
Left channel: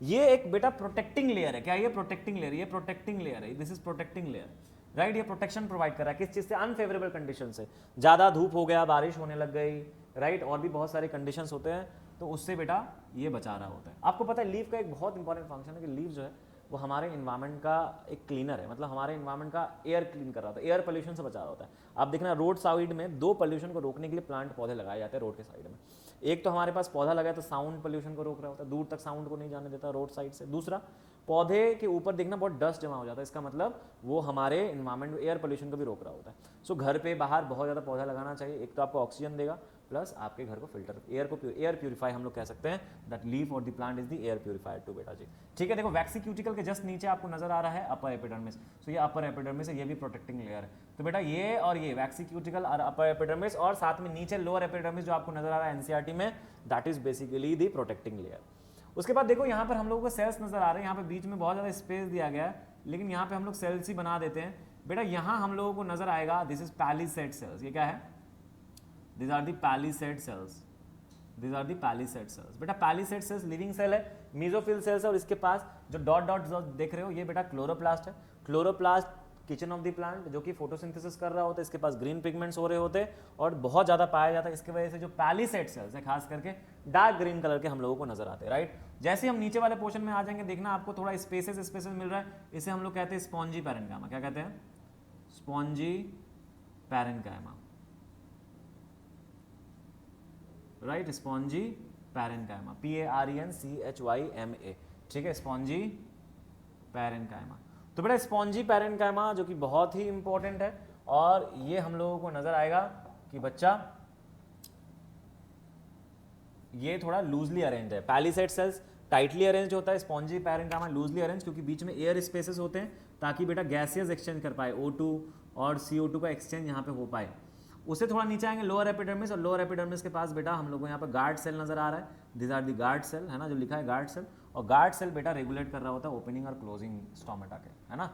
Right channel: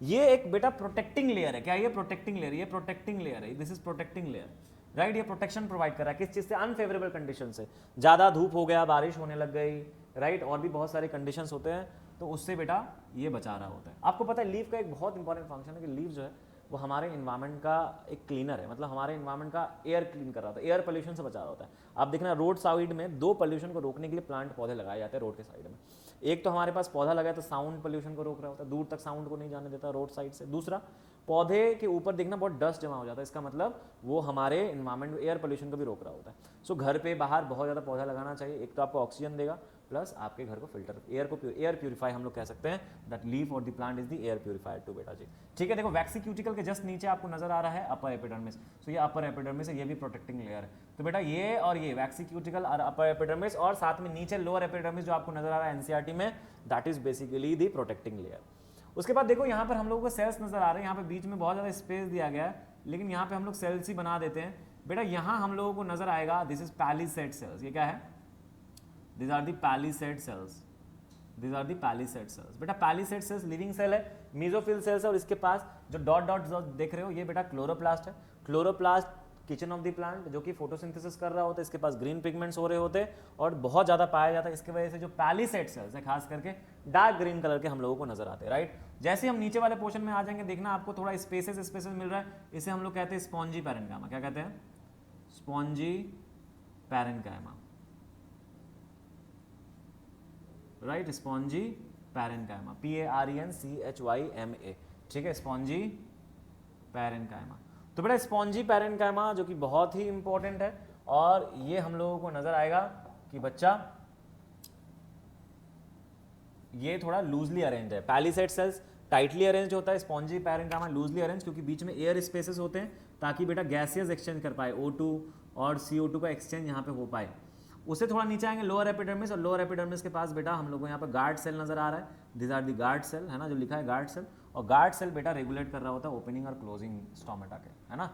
ये एक बेटा प्रोटेक्टिंग लेयर है। क्या ये प्रोटेक्टिंग लेयर? ये प्रोटेक्टिंग लेयर है, this is protecting layer, right. ये प्रोटेक्शन प्रोवाइड कर रहा है किस चीज से? अनफेवरेबल कंडीशन से, ज्यादा धूप हो गया, बारिश होने लग गई, राइट, और भी बहुत सारे कंडीशंस होते हैं, तो उससे बेटा ये बचा रहा होता है। आपको पता है लीव का एक बहुत इंपॉर्टेंट फंक्शन है कि लीव जो है वो हमारे इन्वायरमेंट का एक क्लीनर है, मतलब हमारे इन्वायरमेंट का एयर क्लीन कर रहा होता है, एयर पोल्यूशन से बचा रहा होता है। आप देखना रोड साइड में दो पोल्यूशन को रोकने के लिए प्लांट पौधे लगाए जाते हैं रोड के साइड में। एक तो हमारे पास पौधा लगा है तो साउंड पोल्यूशन को रोक रहा होता है, दूर तक साउंड को नहीं जाने देता रोड साइड से। दूसरा, पौधे के ऊपर देखना बहुत डस्ट जमा हो जाता है, इसका मतलब वो हमारे इन्वायरमेंट एयर पोल्यूशन को भी रोक रहा होता है। सो घर पे बाहर बहुत ज़्यादा पौधा लगाना चाहिए, एक तो आपको ऑक्सीजन देगा प्लस आपके घर को फिल्टर, एयर प्यूरिफाई हम लोग कह सकते हैं, दैट लीफ और the plant is the air purifier too बेटा जी। ठीक है, देखो वैक्सी क्यूटिकल के जस्ट नीचे आपको नजर आ रहा है अपर एपिडर्मिस, सो ये अपर एपिडर्मिस है, ये भी प्रोटेक्टिंग लेयर है। तो बेटा ये और ये वैक्सी क्यूटिकल और अपर एपिडर्मिस और साथ में नीचे लोअर एपिडर्मिस जो आपको नजर आ रहा है एनसीईआरटी में, that is basically the protecting layer. उसके बाद देखो यहाँ पर हम लोगों को सेल्स नजर आ रहे हैं, यहाँ पे बीच में बहुत ज़्यादा स्पेस दिया गया है, लेकिन यहाँ पे हम लोग सेल्स ही बना देते हैं। बेटा यहाँ हम लोगों को नजर आएगा दिस इज पैलिसेड सेल्स। ये क्या है? This are the palisade cells, this are the palisade cells. बेटा पैलिसेड सेल्स लिविंग सेल है, मेसोफिल सेल्स है, और इसके पास जो डॉट डॉट देख रहे हो ये बेटा क्लोरोप्लास्ट है। Chloroplast kitchen of the plant जो कि फोटोसिंथेसिस कर रहा होता है, इसके पास ग्रीन पिगमेंट्स हो रहे होते हैं और बहुत ज़्यादा पाया जाता है। इसकी वजह से जो पैलिसेड सेल्स है खास करके डार्क ग्रीन कलर के हम लोगों को नजर आते हैं, राइट। जैसे हम नीचे वाले पोर्शन में आ जाएंगे देखना आपको थोड़ा स्पेसेस मिल रहा है, इसे हम लोग कहते हैं स्पॉन्जी पैरेन्काइमा। क्या कहते हैं? Spongy parenchyma, right, spongy parenchyma, PARENCHYMA। ठीक है, स्पॉन्जी पैरेन्काइमा। तो बेटा स्पॉन्जी पैरेन्काइमा जो कि बहुत ही इंपॉर्टेंट है, और ये हम लोगों को नजर आएगा कि बच्चा ये थोड़ा लूजली अरेंज है। पैलिसेड सेल्स टाइटली अरेंज होता है, स्पॉन्जी पैरेन्काइमा लूजली अरेंज, क्योंकि बीच में एयर स्पेसेस होते हैं ताकि बेटा गैसेस एक्सचेंज कर पाए, O2 और CO2 का एक्सचेंज यहाँ पे हो पाए। उससे थोड़ा नीचे आएंगे लोअर एपिडर्मिस, और लोअर एपिडर्मिस के पास बेटा हम लोग को यहाँ पर गार्ड सेल नजर आ रहा है, this are the guard cell, है ना, जो लिखा है गार्ड सेल। और गार्ड सेल बेटा रेगुलेट कर रहा होता है ओपनिंग और क्लोजिंग स्टोमेटा के, है ना,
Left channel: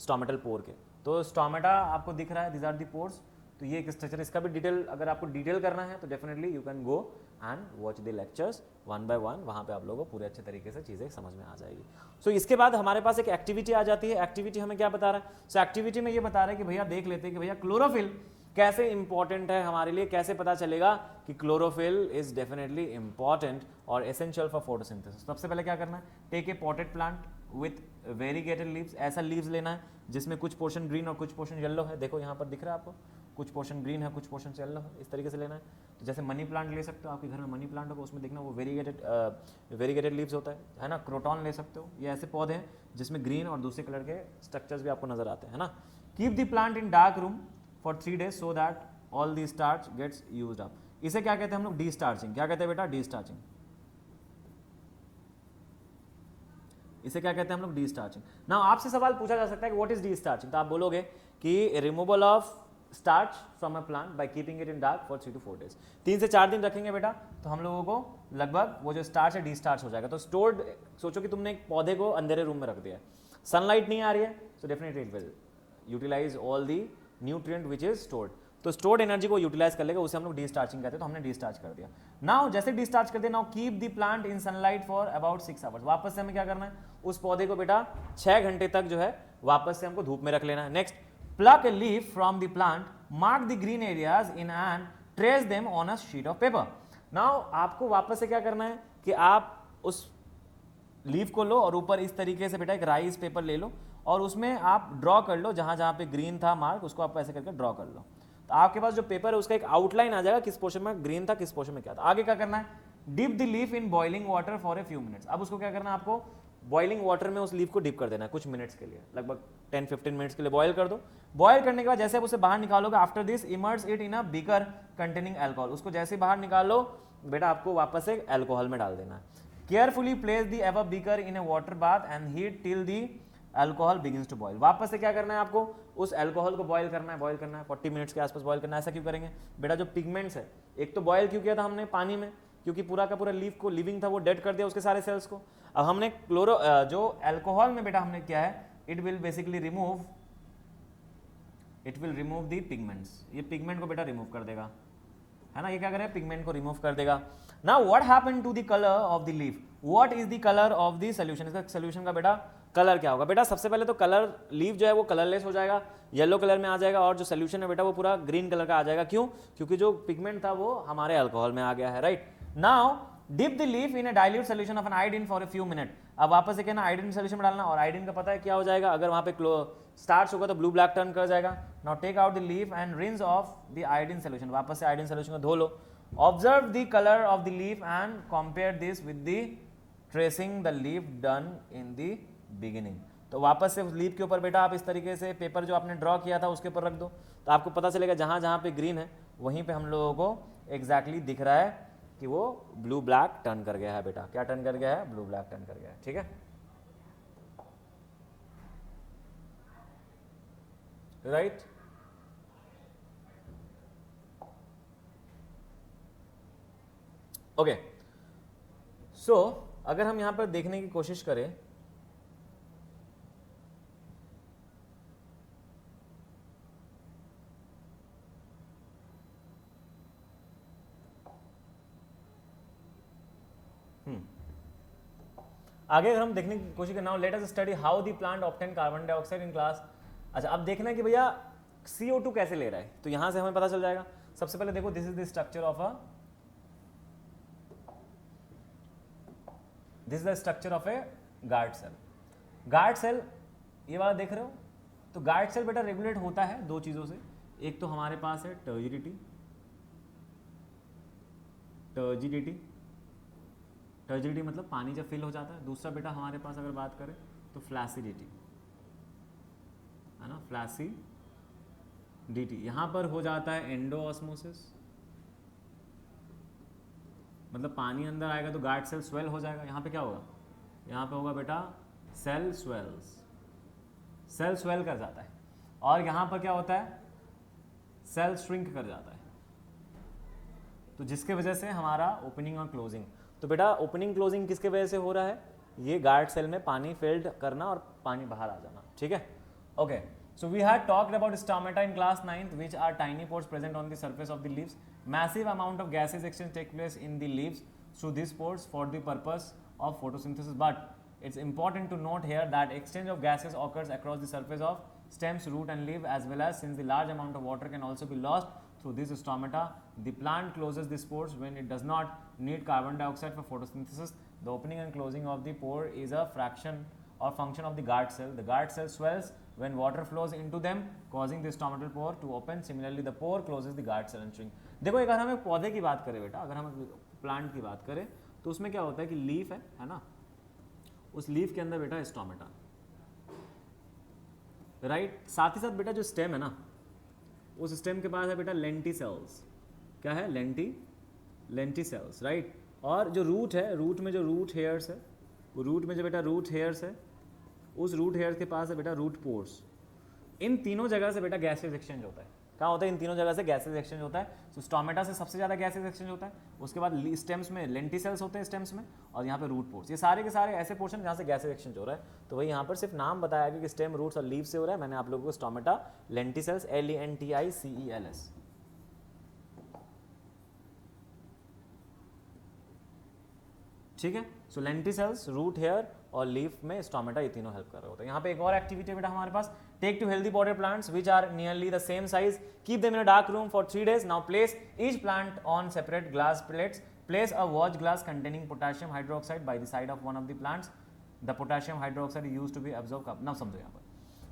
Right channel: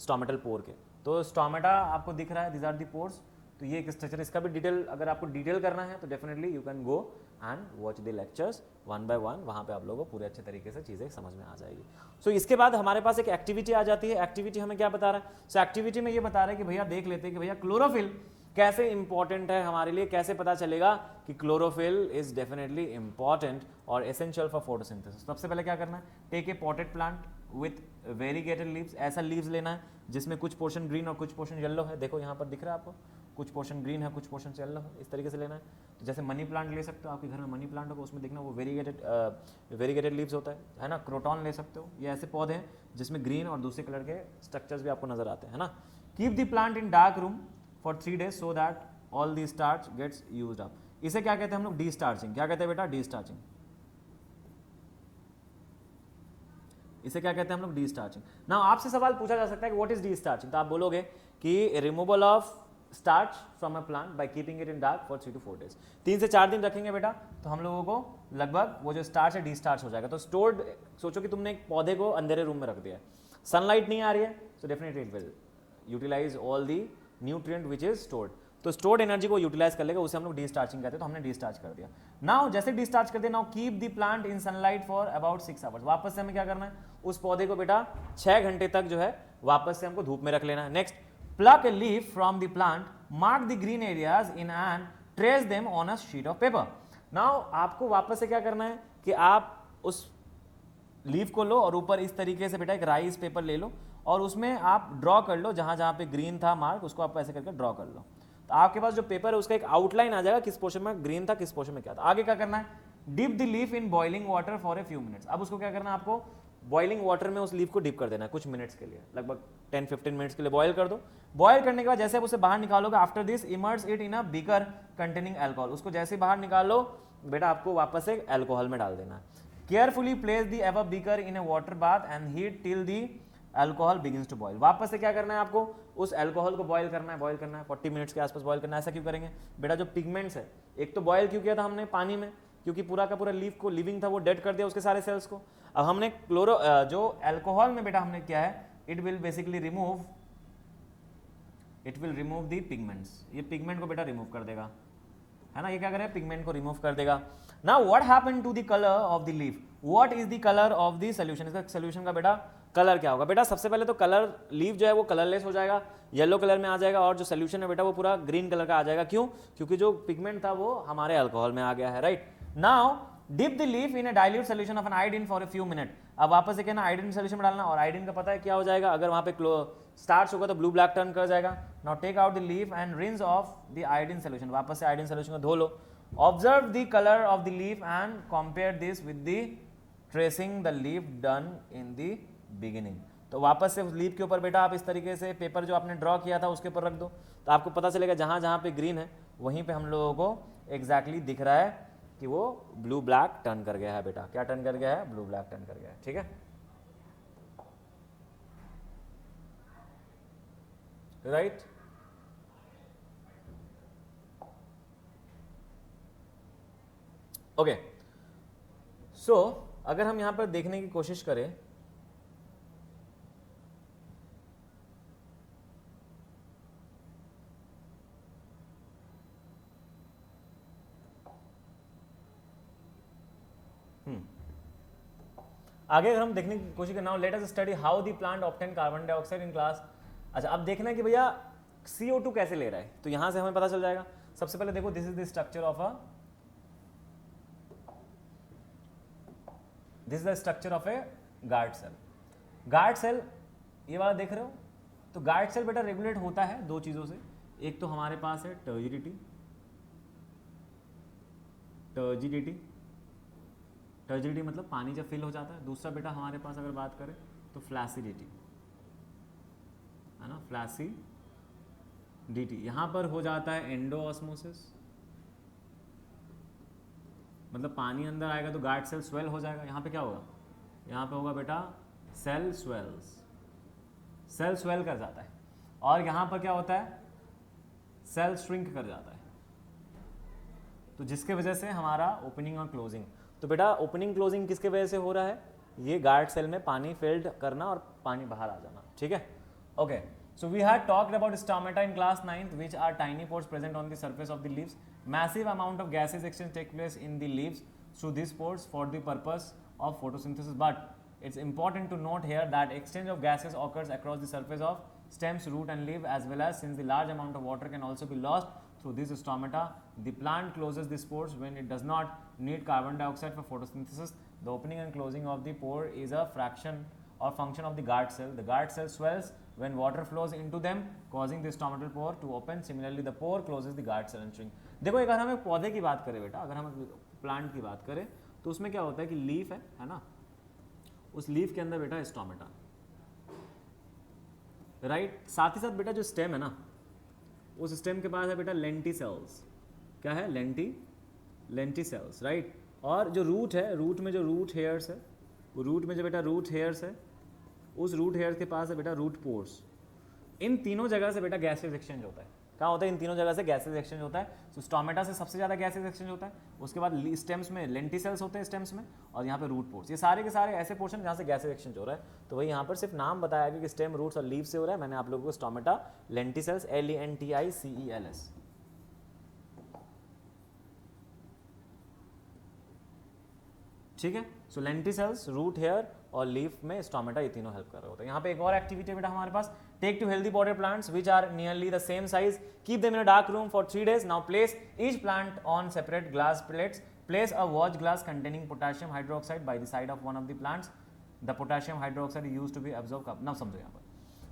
स्टोमेटल पोर के। तो स्टोमेटा आपको दिख रहा है, दिस आर दी पोर्स। तो ये एक स्ट्रक्चर, इसका भी डिटेल अगर आपको डिटेल करना है तो definitely you can go and watch the lectures one by one, वहाँ पे आप लोगों को पूरे अच्छे तरीके से चीज़ें समझ में आ जाएगी। सो इसके बाद हमारे पास एक एक्टिविटी आ जाती है। एक्टिविटी हमें क्या बता रहा है? सो एक्टिविटी में ये बता रहा है कि भैया देख लेते हैं कि भैया क्लोरोफिल कैसे इंपॉर्टेंट है हमारे लिए, कैसे पता चलेगा कि क्लोरोफिल इज डेफिनेटली इंपॉर्टेंट और एसेंशियल फॉर फोटोसिंथेसिस। सबसे पहले क्या करना है? Take a potted plant with variegated leaves. ऐसा लीव्स लेना है जिसमें कुछ पोर्शन ग्रीन और कुछ पोर्शन येलो है। देखो यहाँ पर दिख रहा है आपको, कुछ पोर्शन ग्रीन है, कुछ पोर्शन येलो है, इस तरीके से लेना है। तो जैसे मनी प्लांट ले सकते हो, आपके घर में मनी प्लांट होगा, उसमें देखना वो वेरीगेटेड लीव्स होता है ना। क्रोटॉन ले सकते हो, ये ऐसे पौधे हैं जिसमें ग्रीन और दूसरे कलर के स्ट्रक्चर्स भी आपको नजर आते हैं, है ना। Keep the plant in dark room for 3 days so that all the starch gets used up. इसे क्या कहते हैं हम लोग? Destarching. क्या कहते हैं बेटा? Destarching. इसे क्या कहते हैं हम लोग? Destarching. ना आपसे सवाल पूछा जा सकता है कि व्हाट इज डी स्टार्चिंग, तो आप बोलोगे कि removal of starch from a plant by keeping it in dark for 3 to 4 days। 3 से 4 दिन रखेंगे बेटा तो हम लोगों को लगभग वो जो स्टार्च है डी स्टार्च हो जाएगा। तो स्टोर्ड, सोचो कि तुमने एक पौधे को अंधेरे रूम में रख दिया, सनलाइट नहीं आ रही है, so definitely it will utilize all the nutrient which is stored. तो स्टोर्ड एनर्जी को यूटिलाइज कर लेगा, उसे हम लोग डिस्चार्जिंग कहते हैं। तो हमने डिस्चार्ज कर दिया। नाउ जैसे डिस्चार्ज कर दिया, now keep the plant in sunlight for about 6 hours। वापस से हमें क्या करना है? उस पौधे को बेटा 6 घंटे तक जो है वापस से हमको धूप में रख लेना है। Next, pluck a leaf from the plant, mark the green areas in and trace them on a sheet of paper. Now आपको वापस से क्या करना है कि आप उस लीफ को लो और ऊपर इस तरीके से बेटा एक राइस पेपर ले लो और उसमें आप ड्रॉ कर लो, जहां जहां पे ग्रीन था माउथ उसको आप ऐसे करके ड्रॉ कर लो। तो आपके पास जो पेपर है उसका एक आउटलाइन आ जाएगा, किस पोर्शन में ग्रीन था, किस पोर्शन में क्या था। आगे क्या करना है? Dip the leaf in boiling water for a few minutes. अब उसको क्या करना है? आपको बॉइलिंग वाटर में उस लीफ को डिप कर देना है कुछ मिनट्स के लिए, लगभग 10-15 मिनट्स के लिए बॉयल कर दो। बॉयल करने के बाद जैसे आप उसे बाहर निकालोगे, after this emerge it in a beaker containing alcohol. उसको जैसे बाहर निकालो बेटा आपको वापस से अल्कोहल में डाल देना है। Carefully place the above beaker in a water bath and heat till the alcohol begins to boil. वापस से क्या करना है आपको? उस अल्कोहल को बॉईल करना है 40 मिनट्स के आसपास बॉईल करना है। ऐसा क्यों करेंगे बेटा? जो पिगमेंट्स है, एक तो बॉईल क्यों किया था हमने पानी में, क्योंकि पूरा का पूरा लीफ को लिविंग था वो डेड कर दिया उसके सारे सेल्स को। अब हमने क्लोरो जो अल्कोहल में बेटा हमने किया है, it will basically remove the pigments. ये पिगमेंट को बेटा रिमूव कर देगा। येलो कलर में आ जाएगा और जो सोल्यूशन है बेटा वो पूरा ग्रीन कलर का आ जाएगा। क्यों? क्योंकि जो पिगमेंट था वो हमारे अल्कोहल में आ गया है, right? Now dip the leaf in a dilute solution of an iodine for a few minute. अब वापस से कहना आयोडीन सॉल्यूशन में डालना, और आयोडीन का पता है क्या हो जाएगा, अगर वहां पे स्टार्च होगा तो ब्लू ब्लैक टर्न कर जाएगा। Now take out the leaf and rinse off the iodine solution. वापस से आयोडीन सॉल्यूशन को धो लो। Observe the colour of the leaf and compare this with the tracing the leaf done in the beginning. तो वापस से उस leaf के ऊपर बेटा आप इस तरीके से पेपर जो आपने ड्रॉ किया था उसके ऊपर रख दो, तो आपको पता चलेगा जहाँ जहाँ पे ग्रीन है वहीं पे हम लोगों को एग्जैक्टली दिख रहा है कि वो ब्लू ब्लैक टर्न कर गया है बेटा। क्या टर्न कर गया है? ब्लू ब्लैक टर्न कर गया है, ठीक है, राइट? ओके, सो अगर हम यहाँ पर देखने की कोशिश करें, आगे अगर हम देखने की कोशिश करें, now let us study how the plant obtain carbon dioxide in class. अच्छा, अब देखना है कि भैया CO2 कैसे ले रहा है, तो यहां से हमें पता चल जाएगा। सबसे पहले देखो, this is the structure of a guard cell. Guard cell ये वाला देख रहे हो, तो गार्ड सेल बेटा रेगुलेट होता है दो चीजों से। एक तो हमारे पास है टर्जिडिटी, टर्जिडिटी मतलब पानी जब फिल हो जाता है। दूसरा बेटा हमारे पास अगर बात करें तो फ्लैसिडिटी, है ना, फ्लैसिडिटी। यहाँ पर हो जाता है एंडोऑस्मोसिस, मतलब पानी अंदर आएगा तो गार्ड सेल स्वेल हो जाएगा। यहाँ पे क्या होगा? यहाँ पे होगा बेटा सेल स्वेल्स, सेल स्वेल कर जाता है। और यहाँ पर क्या होता है? सेल श्रिंक कर जाता है, तो जिसके वजह से हमारा ओपनिंग और क्लोजिंग। तो बेटा ओपनिंग क्लोजिंग किसके वजह से हो रहा है? ये गार्ड सेल में पानी फिल्ड करना और पानी बाहर आ जाना, ठीक है, okay. So we had talked about stomata in class 9th, which are tiny pores present on the surface of the leaves. Massive amount of gases exchange take place in the leaves through these pores for the purpose of photosynthesis. But it's important to note here that exchange of gases occurs across the surface of stems, root and leaf, as well as since the large amount of water can also be lost through this stomata, the plant closes the pores when it does not need carbon dioxide for photosynthesis. The opening and closing of the pore is a fraction or function of the guard cell. The guard cell swells when water flows into them, causing the stomatal pore to open. Similarly, the pore closes the guard cell and shrink. देखो, अगर हम एक पौधे की बात करें बेटा, अगर हम प्लांट की बात करें तो उसमें क्या होता है कि लीफ है ना, उस लीफ के अंदर बेटा स्टोमेटा, राइट। साथ ही साथ बेटा जो स्टेम है ना, उस स्टेम के पास है बेटा लेंटिसेल्स। क्या है? Lenticels, right. और जो रूट है, रूट में जो रूट हेयर्स है, वो रूट में जो बेटा रूट हेयर्स है, उस रूट हेयर्स के पास है बेटा रूट पोर्स। इन तीनों जगह से बेटा गैसेज एक्सचेंज होता है। क्या होता है? इन तीनों जगह से गैसेज एक्सचेंज होता है। तो स्टोमेटा से सबसे ज़्यादा गैसेज एक्सचेंज होता है, उसके बाद स्टेम्स में लेंटिसेल्स होते हैं स्टेम्स में, और यहाँ पे रूट पोर्स। ये सारे के सारे ऐसे पोर्शन जहाँ से गैसेज एक्सचेंज हो रहा है। तो वही यहाँ पर सिर्फ नाम बताया कि स्टेम, रूट्स और लीफ से हो रहा है। मैंने आप लोगों को स्टोमेटा, लेंटिसेल्स, LENTICELS, ठीक है। सो लेंटिसेल्स, रूट हेयर और लीफ में स्टोमेटा, ये तीनों हेल्प कर रहा होता है। यहाँ पे एक और एक्टिविटी बेटा हमारे पास, take two healthy potted plants which are nearly the same size, keep them in a dark room for 3 days. Now place each plant on separate glass plates. Place a watch glass containing potassium hydroxide by the side of one of the plants. The potassium hydroxide is used to be absorbed. now समझो यहाँ पर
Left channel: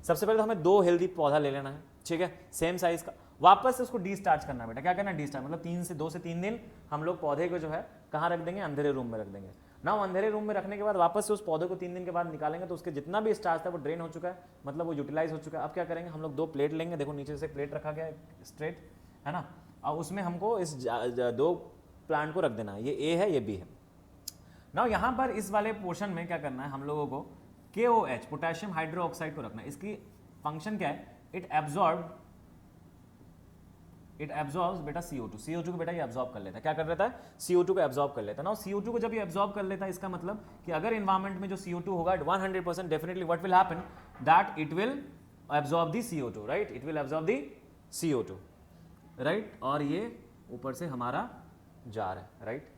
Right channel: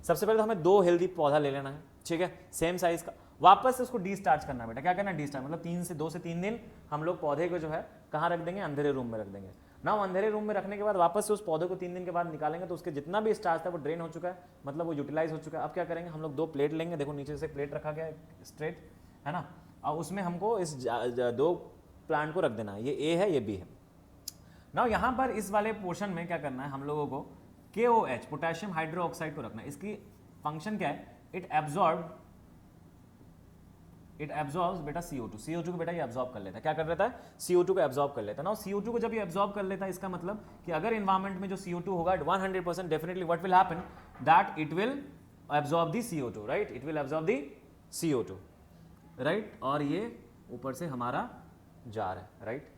सबसे पहले तो हमें 2 healthy पौधा ले लेना है, ठीक है, सेम साइज का। वापस से उसको डिस्चार्ज करना है बेटा। क्या करना है? डिस्चार्ज मतलब 2 से 3 दिन हम लोग पौधे को जो है कहाँ रख देंगे? अंधेरे रूम में रख देंगे ना। अंधेरे रूम में रखने के बाद वापस से उस पौधे को 3 दिन के बाद निकालेंगे, तो उसके जितना भी स्टार्च था वो ड्रेन हो चुका है, मतलब वो यूटिलाइज हो चुका है। अब क्या करेंगे? हम लोग 2 प्लेट लेंगे। देखो नीचे से प्लेट रखा गया है स्ट्रेट, है ना, और उसमें हमको इस 2 प्लांट को रख देना है। ये ए है, ये बी है ना। यहाँ पर इस वाले पोर्शन में क्या करना है हम लोगों को? KOH, पोटेशियम हाइड्रोक्साइड को रखना है। इसकी फंक्शन क्या है? इट एब्जॉर्ब्स बेटा CO2 को बेटा ये एब्जॉर्ब कर लेता है, क्या कर लेता है, CO2 को एब्जॉर्ब कर लेता है ना। CO2 को जब ये एब्जॉर्ब कर लेता है, इसका मतलब कि अगर इन्वायरमेंट में जो CO2 होगा 100% definitely what will happen, that it will absorb the CO2, right, it will absorb the CO2, right, और ये ऊपर से हमारा जा रहा है, राइट।